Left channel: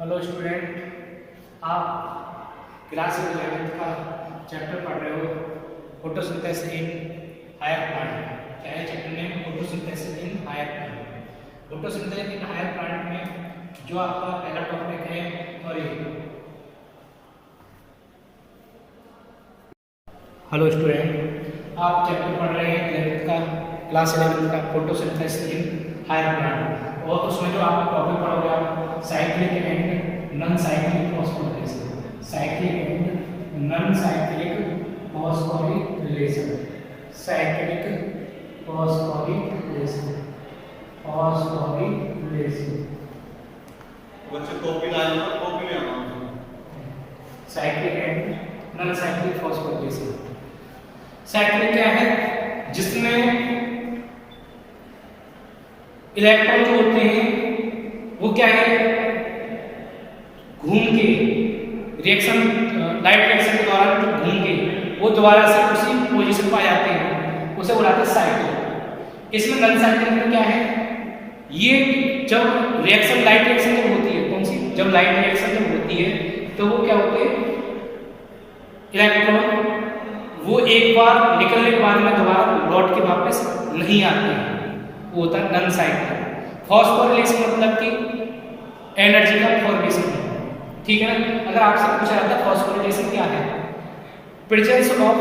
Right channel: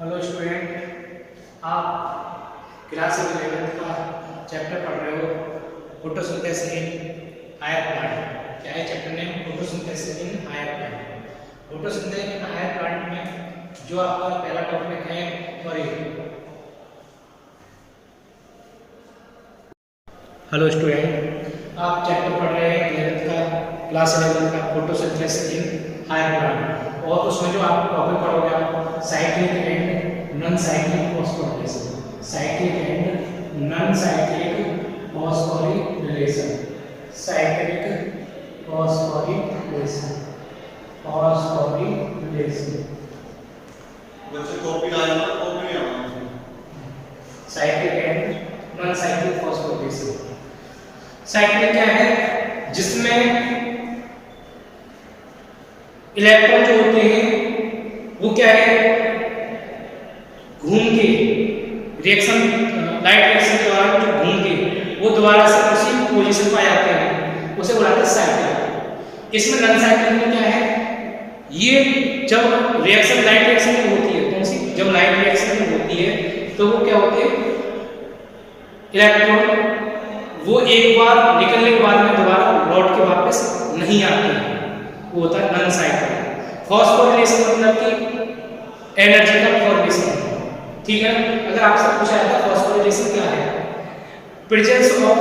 Hello student, आप class 11 का chapter पढ़ रहे हो फोटोसिंथेसिस इन हायर प्लांट। क्या है chapter name? Photosynthesis in higher plant. Photosynthesis in higher plant में जो आपका पहला टॉपिक है सॉरी हेलो स्टूडेंट, आप चैप्टर पढ़ रहे हैं 11 का क्लास 11 का फोटोसिंथेसिस इन हायर प्लांट, और उसमें जो आप टॉपिक पढ़ोगे आप cyclic and non cyclic phosphorylation. Cyclic and non cyclic phosphorylation. Cyclic phosphorylation. Phosphorylation. बच्चे कॉपी लाना तो कॉपी नहीं आना। Cyclic and non cyclic phosphorylation. Cyclic क्या है? जिसमें इलेक्ट्रॉन जो होते हैं वो क्या है, घूम के रिएक्शन, लाइट रिएक्शन के दौरान जो घूम के वो दोबारा से उसी पोजीशन पर आ जाते हैं, उसे बोलते हैं साइक्लिक। इसमें नॉन साइक्लिक में क्या है, ये जब रिएक्शन लाइट रिएक्शन में होती है, कौन सी, जब लाइट रिएक्शन में होती है तो वो क्या होते हैं, इलेक्ट्रॉन वो एक बार निकलने के बाद में दोबारा लौट के वापस नहीं आते हैं, वो होता है नॉन साइक्लिक। फॉस्फोरिलेशन मतलब कि एनर्जी का फॉर्मेशन, ठीक है। अगर आपसे पूछा जाता है फॉस्फोरिलेशन क्या है, presence of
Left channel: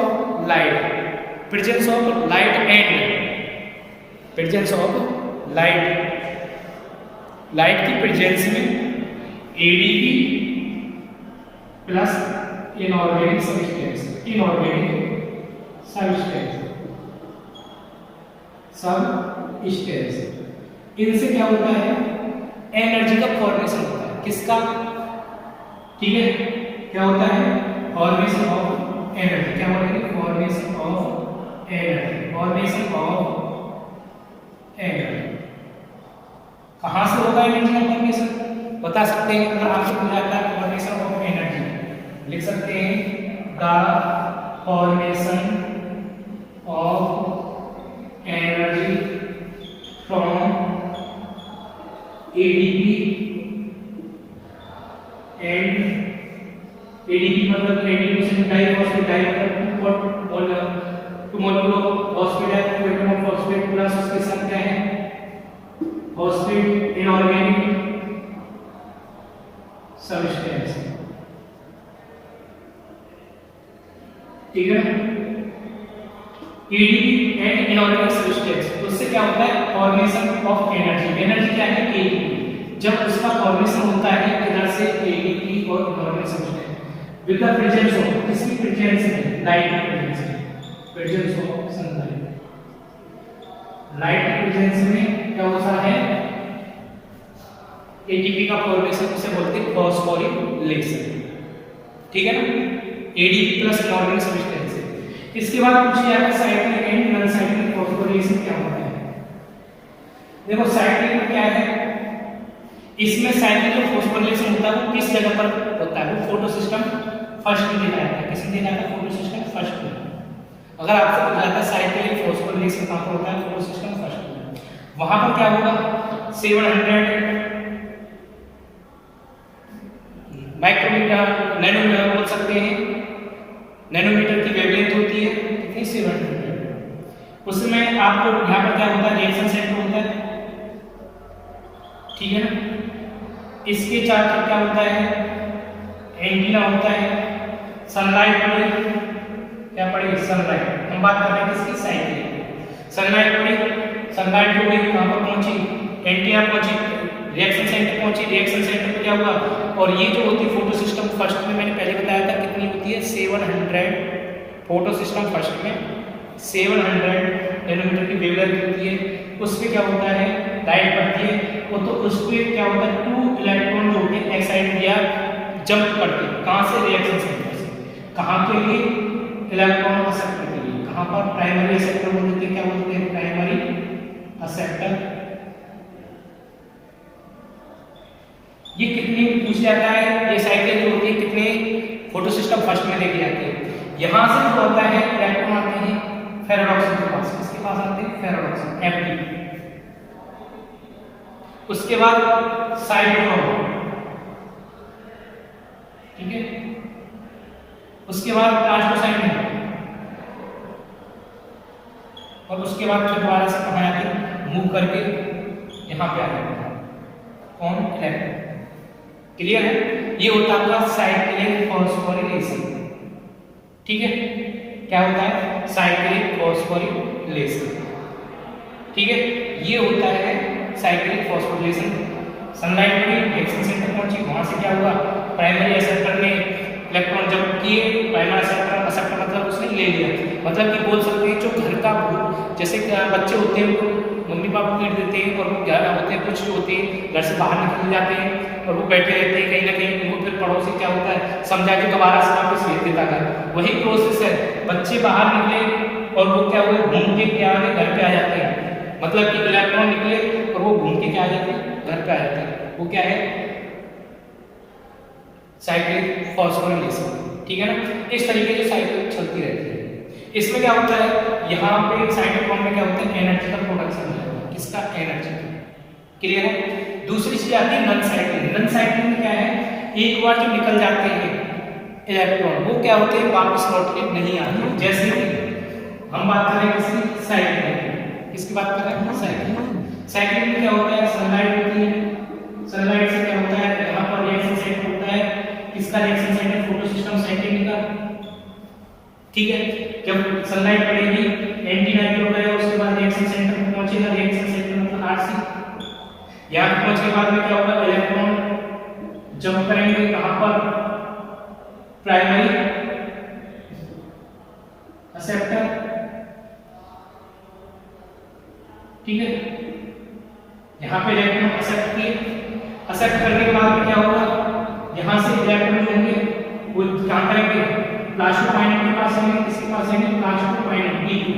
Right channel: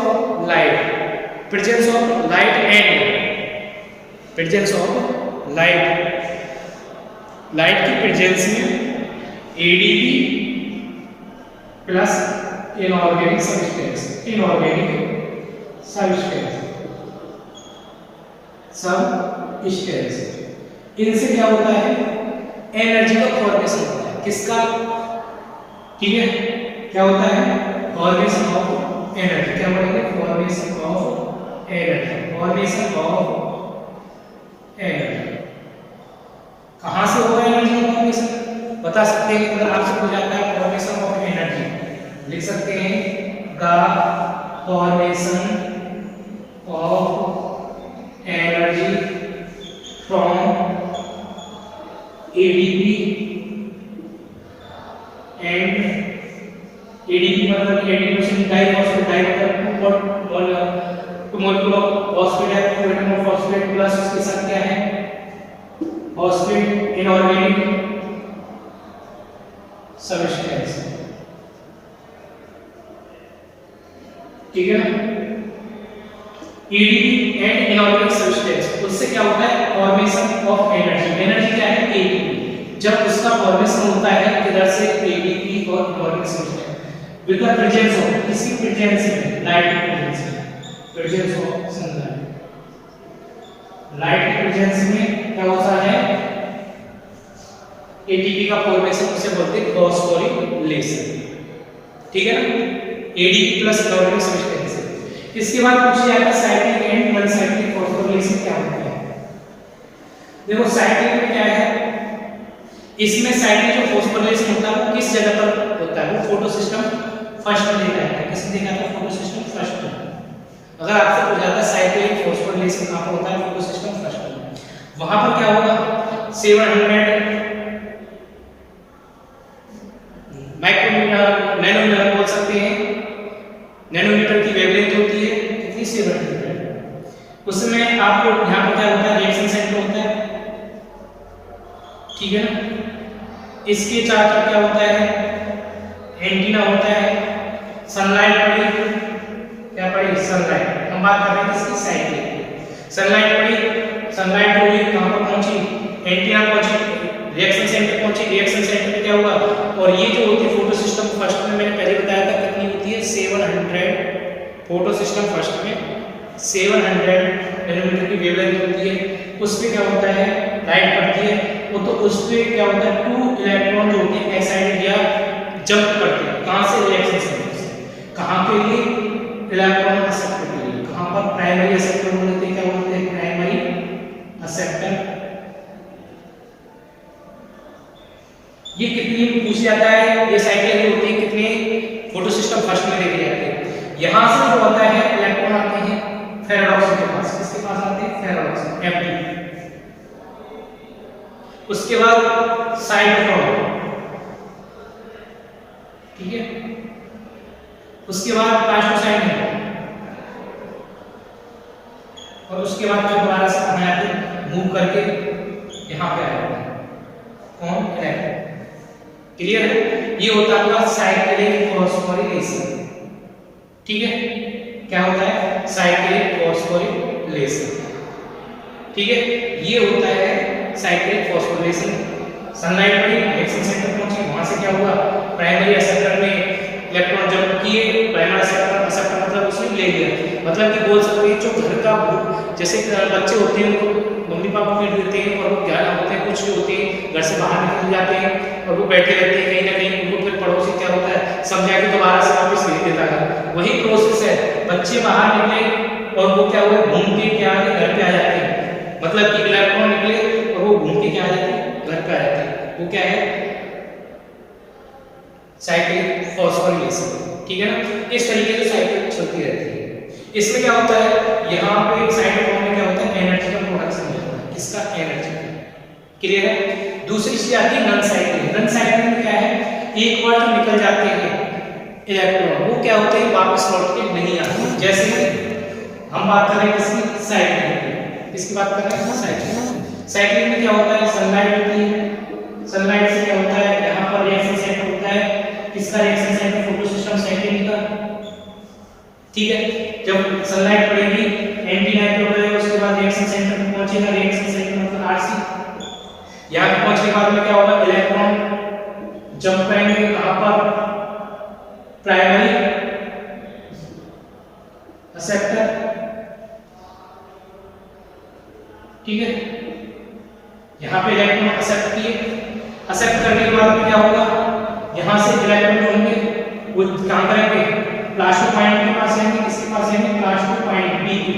light, presence of light and presence of light, light की प्रेजेंस में ADP plus inorganic substance, inorganic substance, substance, इनसे क्या होता है, एनर्जी का फॉर्मेशन होता है। किसका? ठीक है, क्या होता है, फॉर्मेशन ऑफ एनर्जी। क्या बोलेंगे? Formation of energy, formation of energy. कहां से होगा एनर्जी का फॉर्मेशन? बता सकते हैं, अगर आपसे पूछा जाता है फॉर्मेशन ऑफ एनर्जी, लिख सकते हैं the formation of energy from ADP and ADP मतलब एडिशन डाइफॉस्फेट, डाई मतलब टू मॉलिक्यूल ऑफ फॉस्फेट है, two atom of phosphate plus उसके साथ क्या है, फॉस्फेट इनऑर्गेनिक सब्सटेंस, ठीक है ना। एडीपी एंड इनऑर्गेनिक सब्सटेंस, उससे क्या होता है, फॉर्मेशन ऑफ एनर्जी। एनर्जी क्या है? एटीपी। जब उसका फॉर्मेशन होता है किधर से, एटीपी और inorganic substance with the presence of, किसी प्रेजेंस में, लाइट की प्रेजेंस में, प्रेजेंस ऑफ सनलाइट, लाइट की प्रेजेंस में क्या होता है, एटीपी का फॉर्मेशन, उसे बोलते हैं फॉस्फोरिलेशन, ठीक है ना। ADP plus inorganic substance. इसके बाद पूछा जाता है cyclic and non cyclic phosphorylation क्या होता है। देखो साइक्लिक में क्या है, इसमें साइक्लिक जो फॉस्फोरिलेशन होता है वो किस जगह पर होता है, वो फोटो सिस्टम फर्स्ट में देखा जाता है। किसमें देखा जाता है? फोटो सिस्टम फर्स्ट में। अगर आपसे पूछा जाता है साइक्लिक फॉस्फोरिलेशन कहां पर होता है, फोटो सिस्टम फर्स्ट में। वहां पर क्या होगा, 700 माइक्रोमीटर, नैनोमीटर बोल सकते हैं, नैनोमीटर की वेवलेंथ होती है कितनी, 700। उसमें आपको यहाँ पर क्या होता है, रिएक्शन सेंटर होता है, ठीक है ना। इसके चारों तरफ क्या होता है, एंटीना होता है। सनलाइट पड़ी, क्या पड़ी, सनलाइट। हम बात कर रहे हैं किसकी, साइक्लिक। सनलाइट पड़ी, सनलाइट हो गई, कहां पर पहुंची, एंटीना पहुंची, रिएक्शन सेंटर पहुंची, रिएक्शन सेंटर पे क्या हुआ, और ये जो होती है फोटो सिस्टम फर्स्ट में, मैंने पहले बताया था कितनी होती है, 700। फोटो सिस्टम फर्स्ट में 700 नैनोमीटर की वेवलेंथ होती है। उस पे क्या होता है, लाइट पड़ती है, वो तो उस पे क्या होता है, 2 इलेक्ट्रॉन जो होते हैं एक्साइटेड या जंप करते हैं, कहां से, रिएक्शन सेंटर से। कहां के लिए, इलेक्ट्रॉन एक्सेप्टर के लिए। कहां पर, प्राइमरी एक्सेप्टर बोलते हैं, क्या बोलते हैं, प्राइमरी एक्सेप्टर। ये कितनी पूछ जाता है, ये साइक्लिक जो होती है कितने फोटो सिस्टम फर्स्ट में देखी जाती है। यहां से जो होता है इलेक्ट्रॉन आते हैं फेराडॉक्स के पास, किसके पास आते हैं, फेराडॉक्स, Fp। उसके बाद साइटोक्रोम, ठीक है। उसके बाद प्लास्टोसाइट है और उसके बाद फिर दोबारा से कहाँ आके मूव करके यहाँ पे आएगा कौन, इलेक्ट्रॉन। क्लियर है? ये होता है आपका साइक्लिक फॉस्फोरिलेशन। ठीक है, क्या होता है? Cyclic phosphorylation. ठीक है, ये होता है साइक्लिक फॉस्फोरिलेशन। सनलाइट पड़ी, रिएक्शन सेंटर पहुंची, वहां से क्या हुआ, प्राइमरी एक्सेप्टर में इलेक्ट्रॉन जंप किए, प्राइमरी एक्सेप्टर मतलब उसने ले लिया। मतलब कि बोल सकते हैं जो घर का जैसे बच्चे होते हैं वो मम्मी पापा पीट देते हैं और वो ज्यादा होते हैं, कुछ होते हैं घर से बाहर निकल जाते हैं और वो बैठे रहते हैं कहीं ना कहीं, उनको फिर पड़ोसी क्या होता है समझा के दोबारा से वापस ले देता है। वही प्रोसेस है, बच्चे बाहर निकले और वो क्या हुआ, घूम के क्या आगे घर पे आ जाते हैं। मतलब कि इलेक्ट्रॉन निकले और वो घूम के क्या आ जाते हैं, घर पे आ जाते हैं। वो क्या है, साइक्लिक फॉस्फोरिलेशन। ठीक है ना, इस तरीके से साइकिल चलती रहती है। इसमें क्या होता है, यहाँ पे साइटोक्रोम में क्या होता है, एनर्जी का प्रोडक्शन होता है। किसका, एनर्जी का। क्लियर है? दूसरी चीज आती है नन साइक्लिक। नन साइक्लिक में क्या है, एक बार जो निकल जाते हैं इलेक्ट्रॉन वो क्या होते हैं, वापस लौट के नहीं आते। जैसे कि हम बात कर रहे हैं किसकी, साइक्लिक। किसकी बात कर रहे हैं, साइक्लिक। साइक्लिक में क्या होता है, सनलाइट होती है, सनलाइट से क्या होता है, यहाँ पर रिएक्शन सेंटर होता है। किसका रिएक्शन सेंटर, फोटोसिस्टम साइक्लिक का। ठीक है, जब सनलाइट पड़ेगी एंटी नाइट्रो गए, उसके बाद रिएक्शन सेंटर पे पहुंचेगा, रिएक्शन सेंटर मतलब आरसी। यहाँ पे पहुंचने के बाद में क्या होगा, इलेक्ट्रॉन जंप करेंगे कहां पर, प्राइमरी एक्सेप्टर। ठीक है, यहाँ पे इलेक्ट्रॉन एक्सेप्ट किए, एक्सेप्ट करने के बाद में क्या होगा, यहाँ से इलेक्ट्रॉन जो होंगे वो क्या करेंगे, प्लास्टो पॉइंट के पास जाएंगे। किसके पास जाएंगे, प्लास्टो पॉइंट P2।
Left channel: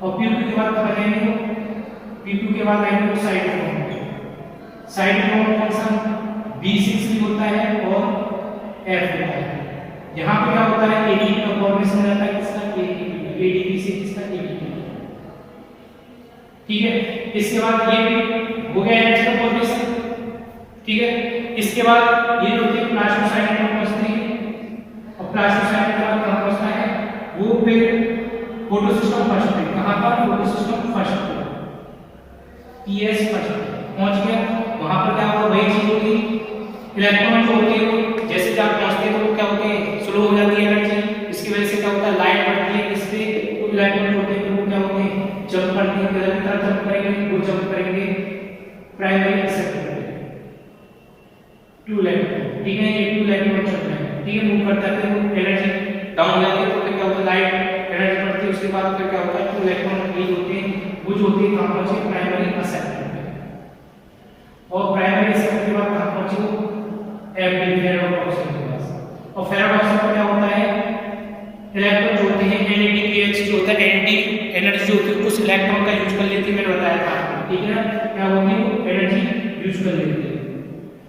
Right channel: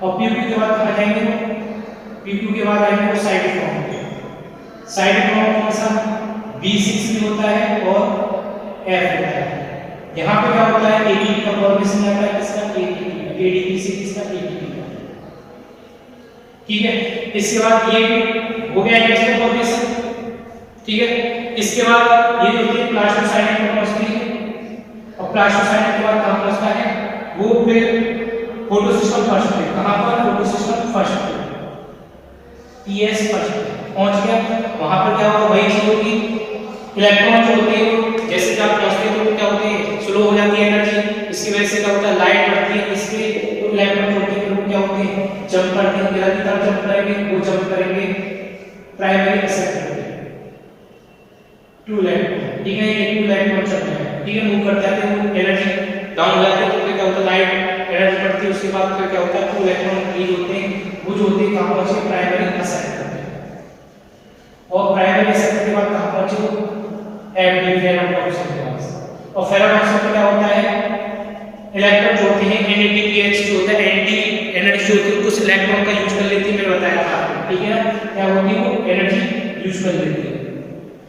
और P2 के बाद कहाँ जाएंगे, P2 के बाद आएंगे वो साइटोक्रोम पे। साइटोक्रोम कौन सा, B6 होता है और F होता है। यहाँ पे क्या होता है, ATP का फॉर्मेशन आता है। किसका, ATP का। ADP से किसका, ATP का। ठीक है, इसके बाद ये हो गया एनर्जी का फॉर्मेशन। ठीक है, इसके बाद ये जो होती है प्लास्टोसाइट में पहुंचती है और प्लास्टोसाइट के बाद कहां पहुंचता है, वो फिर फोटोसिस्टम फर्स्ट पे। कहां पर, फोटोसिस्टम फर्स्ट पे, PS फर्स्ट पहुंच गया। वहां पर क्या होगा, वही चीज होगी, इलेक्ट्रॉन जो होते हैं जैसे जब पहुंचते हैं तो वो क्या होते हैं, स्लो हो जाती है एनर्जी। इसकी वजह से क्या होता है, लाइट बढ़ती है इस पे, तो इलेक्ट्रॉन जो होते हैं वो क्या होते हैं, जंप करते हैं, किधर की तरफ जंप करेंगे, वो जंप करेंगे प्राइमरी एक्सेप्टर पे। 2 इलेक्ट्रॉन। ठीक है, ये 2 इलेक्ट्रॉन चल रहे हैं। ठीक है, मूव करते हैं, वो एनर्जी डाउन हो जाती है, तो फिर क्या होता है, लाइट एनर्जी बढ़ती है। उसके बाद फिर क्या होता है, 2 इलेक्ट्रॉन रिलीज होते हैं, वो जो होते हैं कहां पहुंचे, प्राइमरी एक्सेप्टर पे। और प्राइमरी एक्सेप्टर के बाद कहां पहुंचे, वो FD फेरोडॉक्स के पास। और फेरोडॉक्स में क्या होता है, इलेक्ट्रॉन जो होते हैं NADPH जो होता है, एंटी एनर्जी जो होती है उस इलेक्ट्रॉन का यूज कर लेती है। मैंने बताया था आपको। ठीक है ना, क्या होती है, वो एनर्जी यूज कर लेती है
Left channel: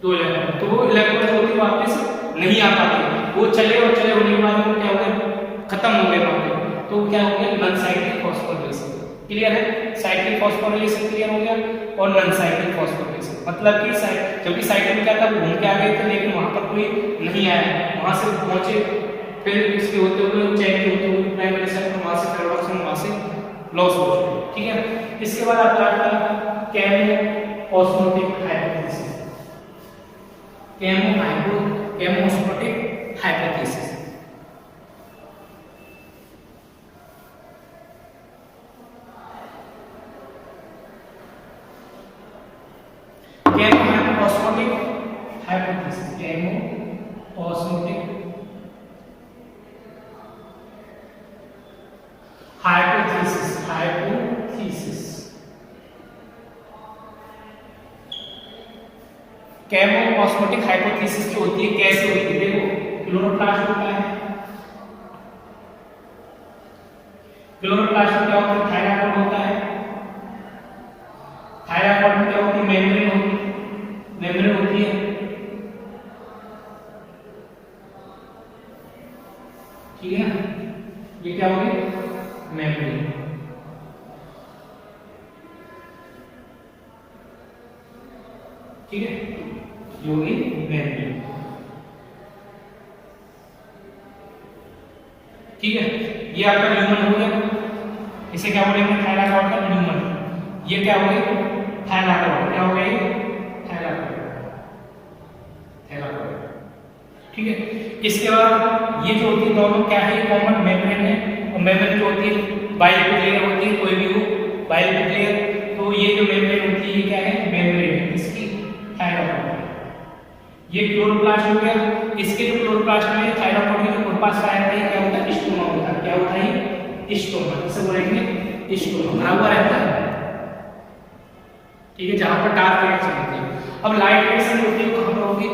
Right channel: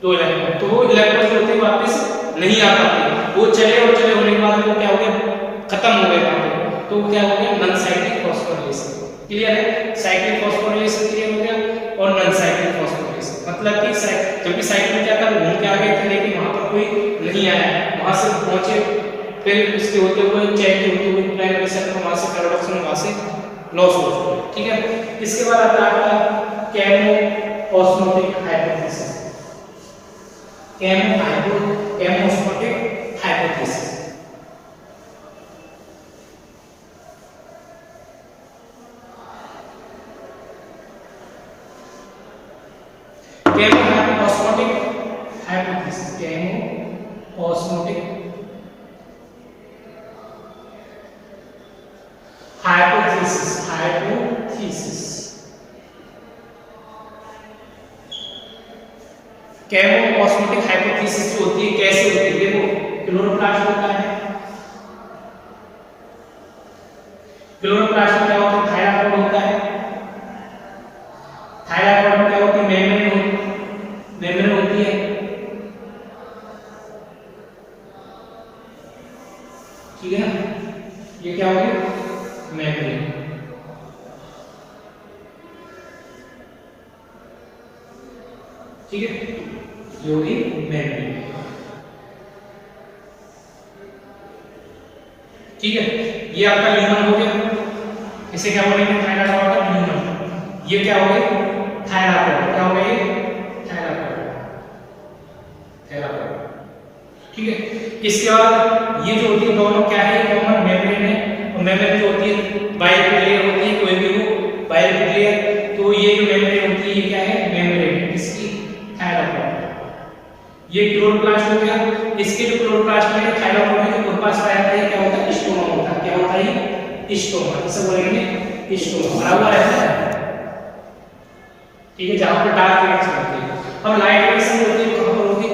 2 इलेक्ट्रॉन। तो वो इलेक्ट्रॉन जो होते हैं वापस नहीं आ पाते, वो चले और चले होने के बाद वो क्या हो गया, खत्म हो गए वहां पे। तो क्या हो गया, नन साइक्लिक फॉस्फोरिलेशन। क्लियर है, साइक्लिक फॉस्फोरिलेशन क्लियर हो गया। और नन साइक्लिक फॉस्फोरिलेशन मतलब कि जबकि साइकिल में क्या था, घूम के आ गए थे लेकिन वहां पर कोई नहीं आया, वहां से पहुंचे, फिर इसके होते हुए चेक होते हुए प्राइमरी एक्सेप्टर, वहां से पैराडॉक्स में वहां से लॉस हो चुका। ठीक है, इसके बाद आता है आपका chemo osmotic hypothesis. Chemo osmotic hypothesis. Chemo osmotic hypothesis, chemo osmotic hypothesis, hypothesis. Chemo osmotic hypothesis जो होती है कैसे होती है, देखो क्लोरोप्लास्ट होता है, क्लोरोप्लास्ट में क्या होता है, थायराकोड होता है, थायराकोड में क्या होती है, मेम्ब्रेन होती है। ठीक है ना, ये क्या होगी, मेम्ब्रेन। ठीक है, ये होगी मेम्ब्रेन। ठीक है, ये आपका ल्यूमन हो गया, इसे क्या बोलेंगे थाइलाकॉर्ड का ल्यूमन। ये क्या हो गया थाइलाकॉर्ड, क्या हो गया ये थाइलाकॉर्ड, थाइलाकॉर्ड। ठीक है, इसके बाद ये जो होती है दोनों क्या है कॉमन मेम्ब्रेन है, और मेम्ब्रेन जो होती है बाइलेयर होती है, कोई भी हो बाइलेयर, तो ये जो मेम्ब्रेन होती है ये क्या है मेम्ब्रेन इसकी थाइलाकॉर्ड। ये क्लोरोप्लास्ट हो गया, इसके जो क्लोरोप्लास्ट में थाइलाकॉर्ड में जो प्रोपास रहता है क्या होता है स्टोमा होता है, क्या होता है स्टोमा, इसे बोलेंगे स्टोमा, भरा हुआ रहता है। ठीक है, जहां पर डार्क रिएक्शन होती है। अब लाइट रिएक्शन होती है कहां पर होगी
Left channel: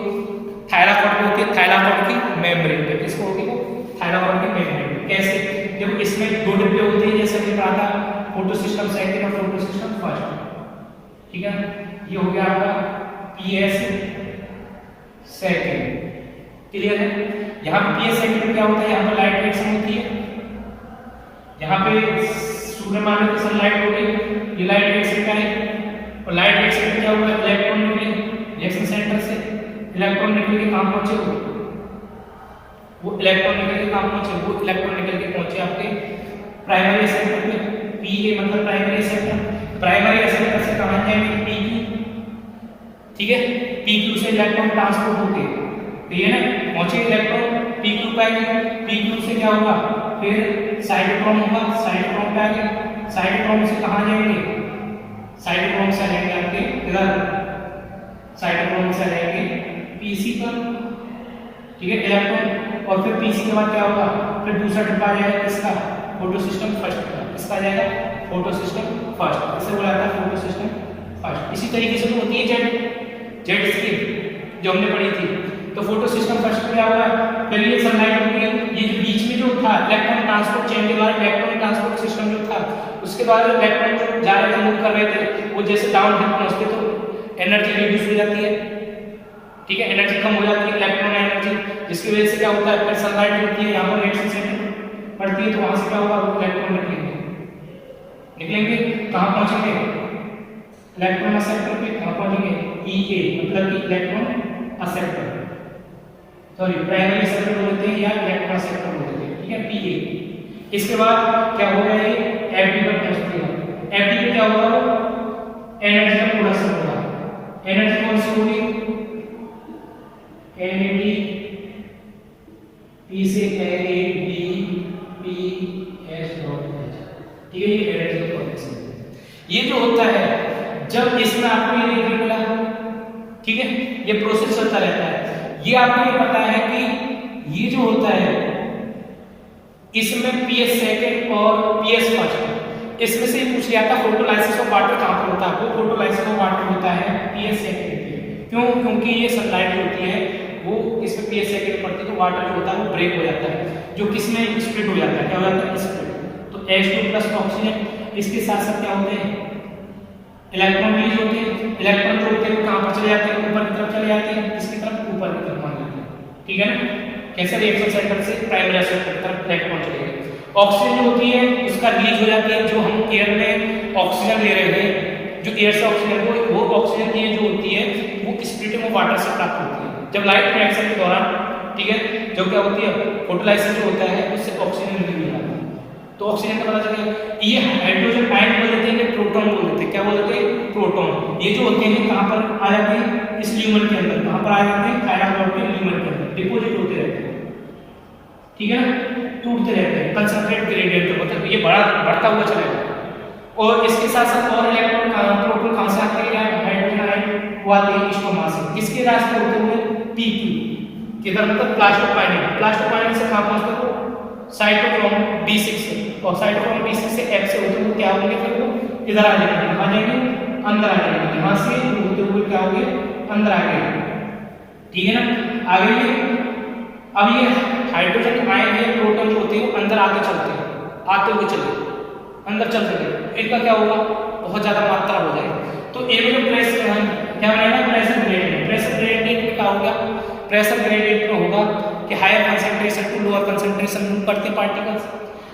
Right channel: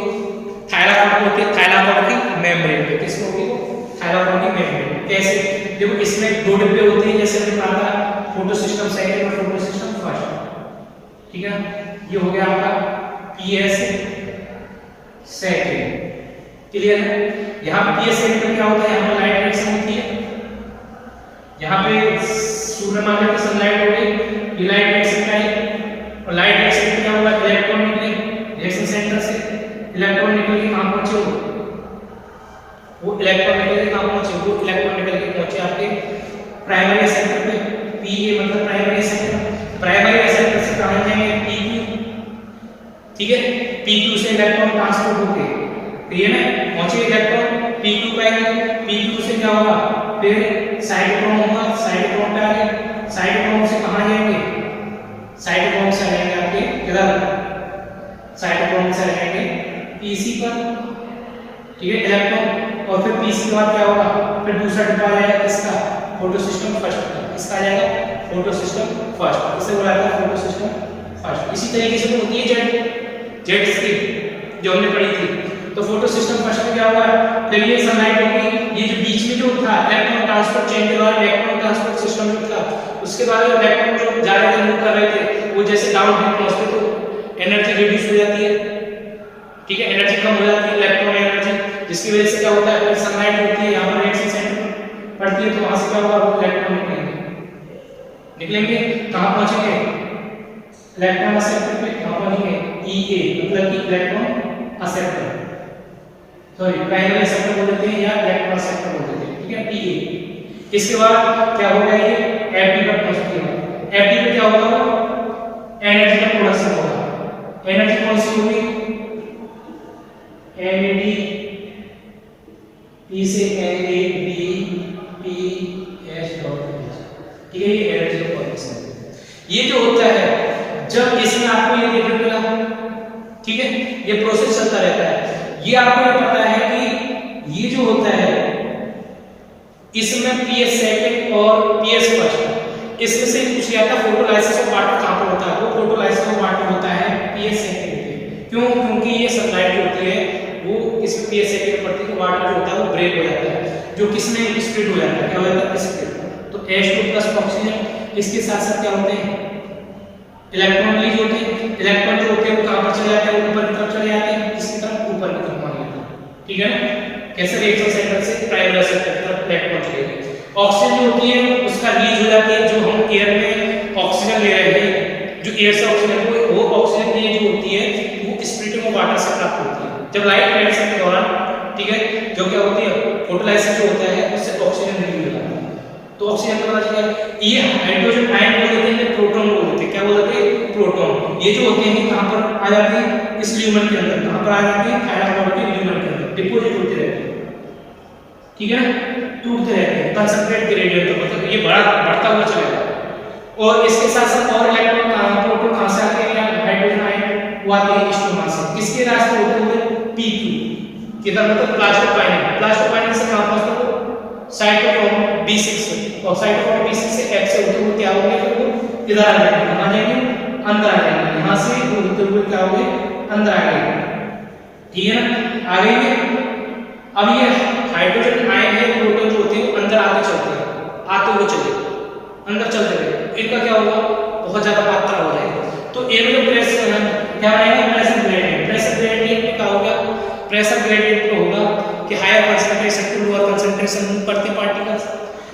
थाइलाकॉर्ड पे होती है, थाइलाकॉर्ड की मेम्ब्रेन पे, किसको होती है वो थाइलाकॉर्ड की मेम्ब्रेन। कैसे, देखो इसमें दो डिब्बे होते हैं जैसे हमने पढ़ा था फोटो सिस्टम सेकंड और फोटो सिस्टम फर्स्ट। ठीक है ना, ये हो गया आपका पीएस सेकंड, क्लियर है। यहाँ पीएस सेकंड में क्या होता है, यहाँ पर लाइट रिएक्शन होती है, यहाँ पे सूर्य मानव की सनलाइट हो गई, ये लाइट रिएक्शन का है, और लाइट रिएक्शन क्या हुआ इलेक्ट्रॉन निकले रिएक्शन सेंटर से, इलेक्ट्रॉन निकल के कहां पहुंचे, वो इलेक्ट्रॉन निकल के कहां पहुंचे, वो इलेक्ट्रॉन निकल के पहुंचे आपके प्राइमरी सेंटर पे, पी ए मतलब प्राइमरी सेंटर, प्राइमरी सेंटर से कहां जाएंगे पी क्यू। ठीक है, पी क्यू से इलेक्ट्रॉन ट्रांसपोर्ट होके ये ना पहुंचे इलेक्ट्रॉन पी क्यू पे आएंगे, पी क्यू से क्या होगा फिर साइटोक्रोम होगा, साइटोक्रोम पे आएंगे, साइटोक्रोम से कहां जाएंगे, साइटोक्रोम से आएंगे आपके किधर, साइटोक्रोम से आएंगे पीसी पर। ठीक है, इलेक्ट्रॉन, और फिर पीसी के बाद क्या होगा, फिर दूसरा डिब्बा जाएगा किसका फोटो सिस्टम फर्स्ट का, किसका जाएगा फोटो सिस्टम फर्स्ट, इसे बोला जाता है फोटो सिस्टम फर्स्ट। इसी तरीके से तो होती है जेट स्ट्रीम जो हमने पढ़ी थी। तो फोटो सिस्टम फर्स्ट में क्या होगा, फिर ये सनलाइट होगी, ये जो बीच में जो था इलेक्ट्रॉन ट्रांसपोर्ट चेन के द्वारा इलेक्ट्रॉन ट्रांसपोर्ट सिस्टम जो था उसके द्वारा इलेक्ट्रॉन जो जा रहे थे मूव कर रहे थे, वो जैसे डाउन हिल पहुंचते तो एनर्जी रिड्यूस हो जाती है। ठीक है, एनर्जी कम हो जाती है इलेक्ट्रॉन एनर्जी, जिसकी वजह से क्या होता है फिर सनलाइट होती है, यहाँ पर रिएक्शन सेंटर पड़ती है, तो वहां से क्या होगा वो इलेक्ट्रॉन निकलेंगे कहां पहुंचेंगे इलेक्ट्रॉन एक्सेप्टर पे, कहां पहुंचेंगे ईए मतलब कि electron acceptor, sorry primary acceptor बोल देते हैं या इलेक्ट्रॉन एक्सेप्टर बोल देते हैं। ठीक है, पीए। इसके बाद क्या हो गया, ये एफडी पर पहुंचती है, एफडी पे क्या होगा वो एनर्जी का प्रोडक्शन होगा, एनर्जी कौन सी होगी एनएडी, पी से NAD P S dot H. ठीक है, ये एनर्जी का प्रोडक्शन है। ये जो होता है जब इसमें आपको ये देखने मिला, ठीक है, ये प्रोसेस चलता रहता है। ये आपको ये पता है कि ये जो होता है इसमें पीएस सेकंड और पीएस फर्स्ट, इसमें से पूछ लिया था फोटोलाइसिस ऑफ वाटर कहां पर होता है, वो फोटोलाइसिस ऑफ वाटर होता है पीएस सेकंड पे। क्यों, क्योंकि ये सनलाइट जो होती है वो इसमें पीएस सेकंड पड़ती है, तो वाटर जो होता है वो ब्रेक हो जाता है, जो किसमें स्प्लिट हो जाता है, क्या हो जाता है स्प्लिट। तो H2 प्लस ऑक्सीजन, इसके साथ साथ क्या होते हैं इलेक्ट्रॉन रिलीज होते हैं, इलेक्ट्रॉन जो होते हैं वो कहां पर चले जाते हैं, ऊपर की तरफ चले जाते हैं, किसकी तरफ ऊपर की तरफ मान लेते हैं। ठीक है ना, कैसे रिएक्शन सेंटर से प्राइमरी सेंटर की तरफ इलेक्ट्रॉन चले गए। ऑक्सीजन जो होती है उसका रिलीज हो जाती है, जो हम एयर में ऑक्सीजन ले रहे हैं, जो एयर से ऑक्सीजन को वो ऑक्सीजन ये जो होती है वो स्प्लिटिंग ऑफ वाटर से प्राप्त होती है जब लाइट रिएक्शन के दौरान। ठीक है, जो क्या होती है फोटोलाइसिस जो होता है उससे ऑक्सीजन रिलीज हो जाता है, तो ऑक्सीजन का पता चला। ये हाइड्रोजन आयन बोल देते हैं, प्रोटॉन बोल देते हैं, क्या बोल देते हैं प्रोटॉन। ये जो होते हैं कहां पर आ जाते हैं इस ल्यूमन के अंदर, कहां पर आ जाते हैं थाइलाकॉर्ड के ल्यूमन के अंदर डिपॉजिट होते रहते हैं। ठीक है ना, टूटते रहते हैं कंसंट्रेट ग्रेडियंट मतलब ये बढ़ता हुआ चलेगा। और इसके साथ साथ और इलेक्ट्रॉन प्रोटॉन कहां से आते हैं, हाइड्रोजन आयन वो आते हैं स्टोमा से, किसके रास्ते होते हुए पीक्यू किधर मतलब प्लास्टोकाइनेट से कहां पहुंचते हो साइटोक्रोम B6 से, और साइटोक्रोम B6 से F से होते हुए क्या होंगे फिर वो इधर आ जाएंगे, कहां जाएंगे अंदर आ जाएंगे, यहां से होते हुए क्या होंगे अंदर आ गए। ठीक है ना, आ गई है। अब ये हाइड्रोजन आयन है प्रोटॉन जो होते हैं अंदर आते चलते हैं, आते हुए चले अंदर चलते रहे, इनका क्या होगा बहुत ज्यादा मात्रा हो जाएगा। तो ए में जो प्रेशर है क्या बनेगा प्रेशर ग्रेडियंट, प्रेशर ग्रेडियंट क्या होगा प्रेशर ग्रेडियंट में होगा कि higher concentration to lower concentration move करते पार्टिकल्स।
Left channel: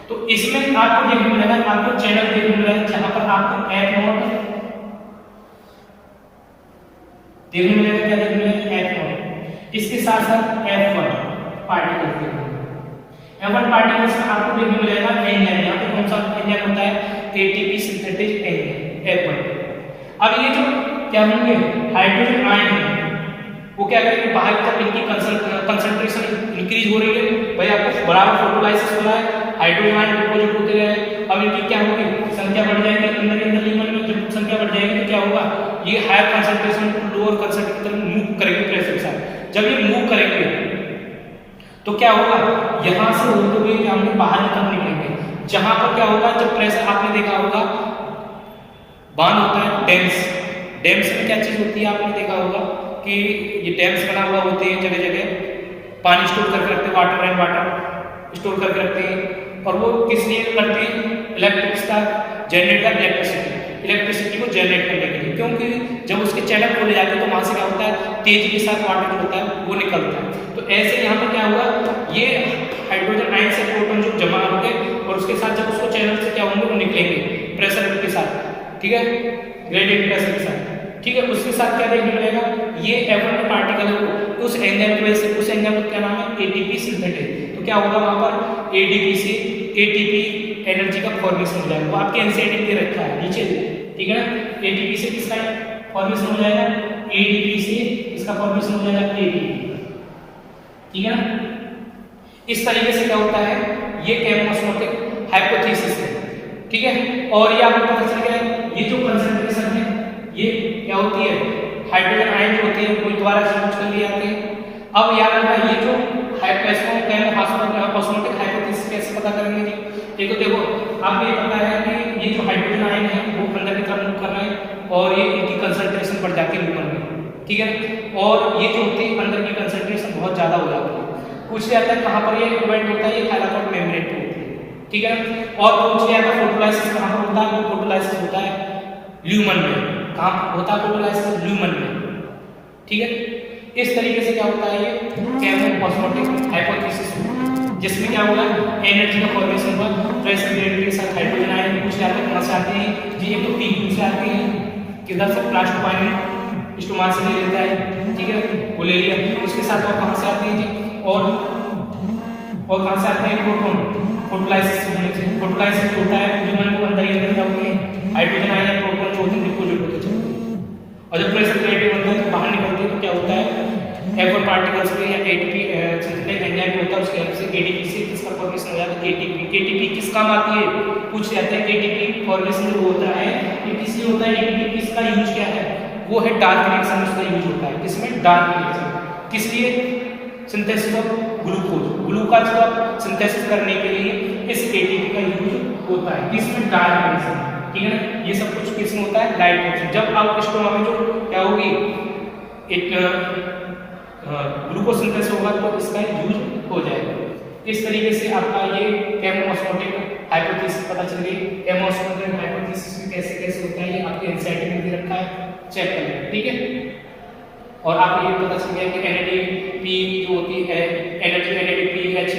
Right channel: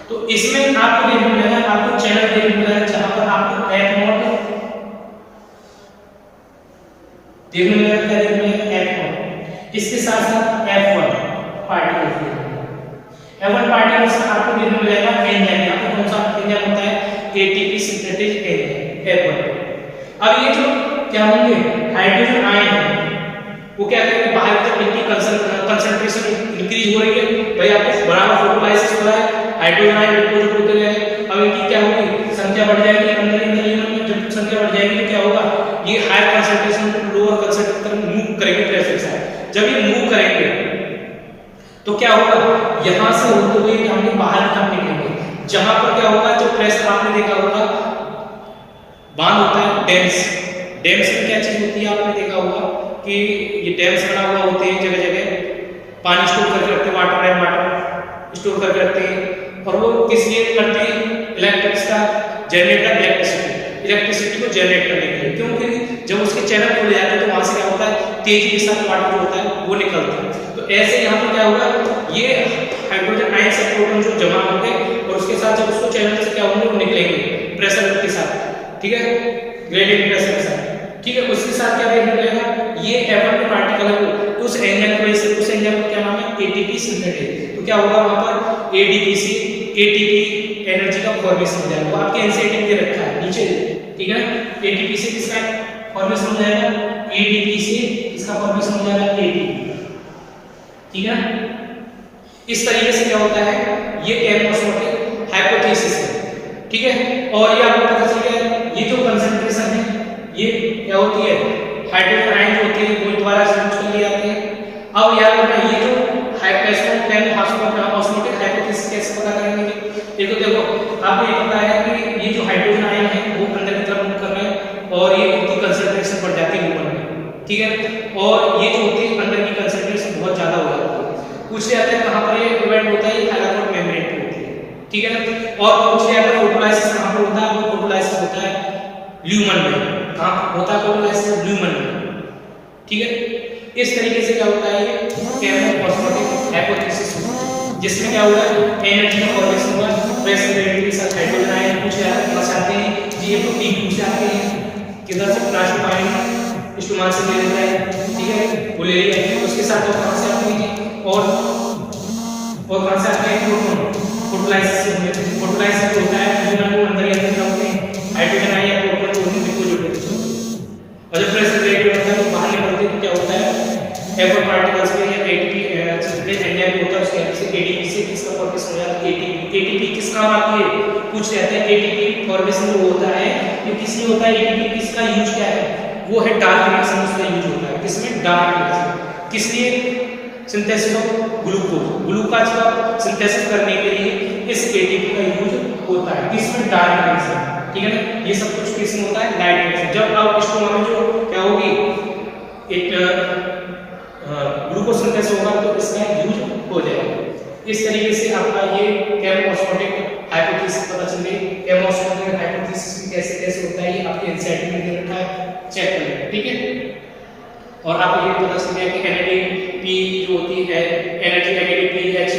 तो इसमें आपको ये मिलेगा, आपको चैनल देखने मिलेगा जहां पर आपको F0 देखने मिलेगा, क्या देखने मिलेगा F0, इसके साथ साथ F1 पार्टिकल F1 पार्टिकल्स में आपको देखने को मिलेगा एंजाइम, यहाँ पे कौन सा एंजाइम होता है, एटीपी सिंथेटिक एंजाइम F1। अब ये जो क्या होंगे हाइड्रोजन आयन है वो क्या करेंगे, बाहर की तरफ इनकी कंसंट्रेशन इंक्रीज हो रही है, भाई आपको बराबर फोटोलाइसिस हो रहा है, हाइड्रोजन आयन डिपोजिट होते रहे, अब इनकी क्या होगी संख्या बढ़ जाएगी अंदर एलिमेंट में, जब संख्या बढ़ जाएगी तो क्या होगा, ये higher concentration to lower concentration की तरफ मूव करेंगे प्रेशर के साथ। जब ये मूव करेंगे तो क्या होगा, यहां से होते हुए क्या होंगे बाहर की तरफ निकलेंगे, जहां पर क्या होगा, जब प्रेशर आपने देखा होगा बांध होता है डैम्स, डैम्स में क्या चीज होती है आपने देखा होगा कि ये डैम्स बना हुआ होते हैं, जगह जगह पानी स्टोर करके रखते हैं, वाटर एंड वाटर स्टोर करके रखते हैं, और वो किस लिए करते हैं, इलेक्ट्रिक्स का जनरेटर, इलेक्ट्रिसिटी को जनरेट करने के लिए, क्योंकि जब उसके चैनल खोले जाते हैं तो वहां से क्या होता है, तेजी के साथ वाटर जो होता है वो निकलता है। तो ऐसे यहाँ पर क्या होगा, ये हाइड्रोजन आयन से प्रोटॉन जो जमा होंगे और उसके साथ जब उसको चैनल से क्या होंगे वो निकलेंगे प्रेशर के साथ, ठीक है, ग्रेडियंट प्रेशर के साथ, ठीक है। उसके साथ क्या देखने मिलेगा, ये F1 के पार्टिकल है वो उस एंजाइम की वजह से, उस एंजाइम का क्या नाम है, एटीपी सिंथेटिक, तो क्या होगा वहां पर एडीपी से एटीपी एनर्जी का फॉर्मेशन हो जाएगा, वो आपके एनसीईआरटी में रखा है नीचे, ठीक है ना। एटीपी से किसका फॉर्मेशन हो जाएगा, एडीपी से इसका फॉर्मेशन हो जाएगा एटीपी, ठीक है ना। इस तरीके से क्या होता है, ये केमोस्मोटिक हाइपोथेसिस है, ठीक है। और ये आपको पता चल गया ये जो कंसंट्रेशन है ये क्या होती है, हाइड्रोजन आयन जो होते हैं वो द्वारा यूज कर लिए जाते हैं। अब याद रखना ये जो ऑस्मोटिक हाइपोथेसिस कैसे पता करेंगे, देखो आपको ये पता है कि ये जो हाइड्रोजन आयन है वो अंदर की तरफ मूव कर रहे हैं और ये इनकी कंसंट्रेशन बढ़ जाती है ऊपर में, ठीक है, और ये जो होती है अंदर की कंसंट्रेशन बहुत ज्यादा हो जाती है। पूछ लिया जाता है कहां पर ये इवेंट होता है, ये थायराइड मेम्ब्रेन पे होती है, ठीक है ना। और पूछ लिया जाता है फोटोलाइसिस कहां पर होता है, वो फोटोलाइसिस होता है ल्यूमन में, कहां होता है फोटोलाइसिस, ल्यूमन में, ठीक है। इस तरीके से क्या होता है, ये केमोस्मोटिक हाइपोथेसिस जिसमें क्या हुआ, एनर्जी का फॉर्मेशन हुआ, प्रेशर ग्रेडियंट के साथ हाइड्रोजन आयन पूछ लिया जाता है कहां से आते हैं, ये तो ई पूछ जाते हैं किधर से, प्लाज्मा इस्तेमाल से ले लेता है, ठीक है, वो ले लिया, उसके साथ वो कहां से आते हैं और कहां से आते हैं, प्रोटॉन फोटोलाइसिस से, फोटोलाइसिस होता है ल्यूमन को अंदर ही अंदर होते हैं, हाइड्रोजन आयन या प्रोटॉन को डिपोजिट होते हैं, और जब प्रेशर ग्रेडियंट होता है बाहर निकलते हैं तो क्या होता है, F1 पार्टिकल्स में या एटीपी सिंथेटिक एंजाइम होता है उसके हेल्प से एडीपी से किसका फॉर्मेशन हो जाता है, एटीपी किस काम आती है, पूछ जाते हैं एटीपी फॉर्मेशन जो होता है ये किस लिए होता है, एटीपी किसका यूज क्या है, वो है डार्क रिएक्शन में यूज होता है, जिसमें डार्क रिएक्शन किस लिए, सिंथेसिस ऑफ ग्लूकोज का सिंथेसिस करने के लिए इस एटीपी का यूज होता है, जिसमें डार्क रिएक्शन, ठीक है ना। ये सब कुछ किसमें होता है, लाइट रिएक्शन। जब आप स्टोमा में जो क्या होगी एक ग्लूकोज सिंथेसिस होगा तो इसका यूज हो जाएगा। इस तरीके से आपका ये केमोस्मोटिक हाइपोथेसिस पता चल गई। केमोस्मोटिक हाइपोथेसिस कैसे कैसे होता है ये आपके एनसीईआरटी में दे रखा है, चेक कर लें, ठीक है। और आपको ये पता चल गया कि एनएडीपी जो होती है एनर्जी NADPH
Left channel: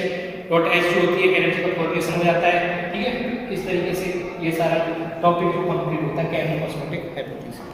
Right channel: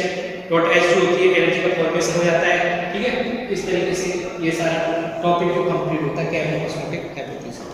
डॉट H जो होती है एनर्जी का फॉर्मेशन हो जाता है, ठीक है। इस तरीके से ये सारा टॉपिक जो कंप्लीट होता है केमोस्मोटिक हाइपोथेसिस।